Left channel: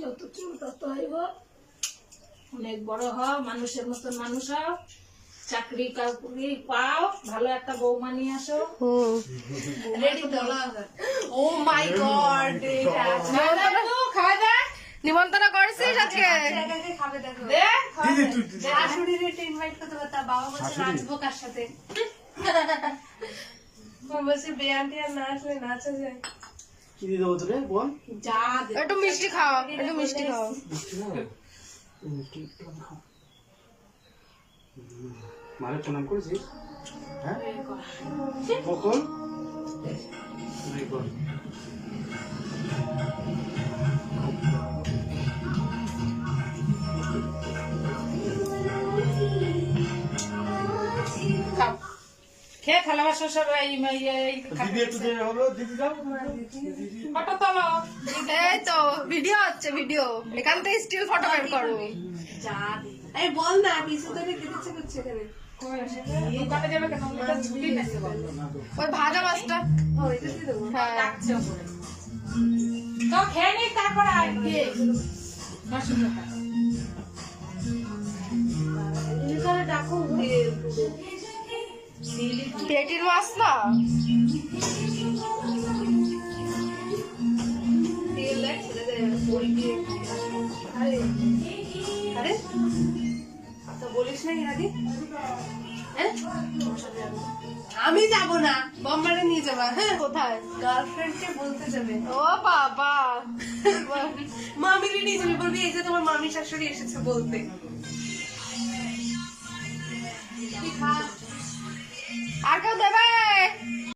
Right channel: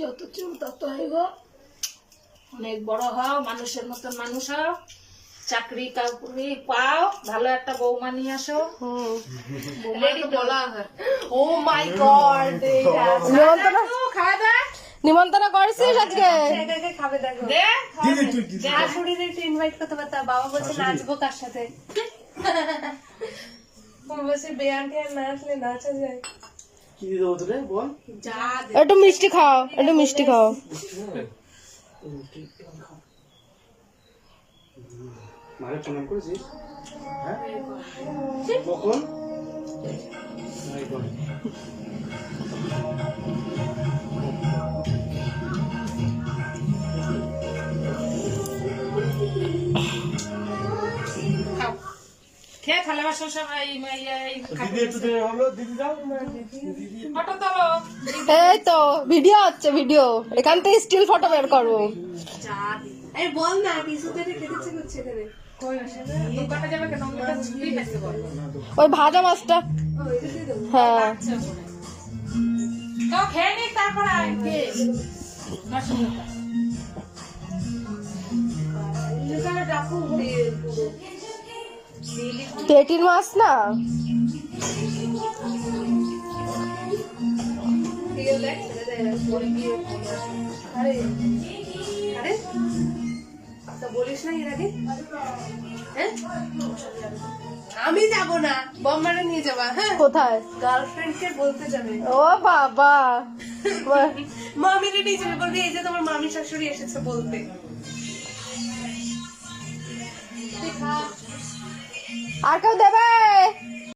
যত চুল তত হইব, অনেক বড় হও, মানুষের মতন মানুষ হও, চাকরি কাউরি পাও, ভালো একটা বৌমা নিয়ে আসো। রেডি বলা হয়। ও মাই গড, নিমন্ত্রণ করেছিস আজকে? খাবে দেখো। দে শাশুড়ির একটু ইনভাইট করতে পারতাম। বাবা বলছে নাচবো কার সাথে। আমি বলছি বেয়ান্টি আর না আসলে নাচা যায়। কি দিয়ে দেবো তোরে বল? যা দে। একটু মিষ্টি খাও, একটু মিষ্টি খাও। মারে প্রণাম করেছিস? হ্যাঁ কখন? খেয়ে থালা বাসন সব দিদি একটু দে হলো, দিদি দাও। ফটো তোলো। এই তো ভিডিও হচ্ছে, ভিডিও। এখান থেকে স্টিল ফটো বের করো। যা দে। আরে বল না, কিছু তো খেতে ইচ্ছে করছে এখানে। দোকানে যাবে কেন? ওটা ছুটি নাকি বল? ওই ভাজা মাছটা। ও এটা দিয়ে দেবো। হ্যাঁ লাগছে ওপরে। তো খেয়ে নিক তারপর আয়। মাসি কথা। এখানে ডাকো দিয়ে পুরো। পেটির মাছ না? দিয়ে দেখ ছেড়ে দে। বই দিয়ে। আরে আরে তো বলিস না এর আগে? হ্যাঁ? আমি যাব না, বম্বারে নিয়ে যাবা। হ্যাঁ, কোথায়? গার্লফ্রেন্ডকে বলতে যাবে। ও বাবা, মামিরে নিয়ে যাবে, বলবি এই যে তোমার মামি শাশুড়ি এসেছে বলতে। তুই খা। আর কেউ দেবে?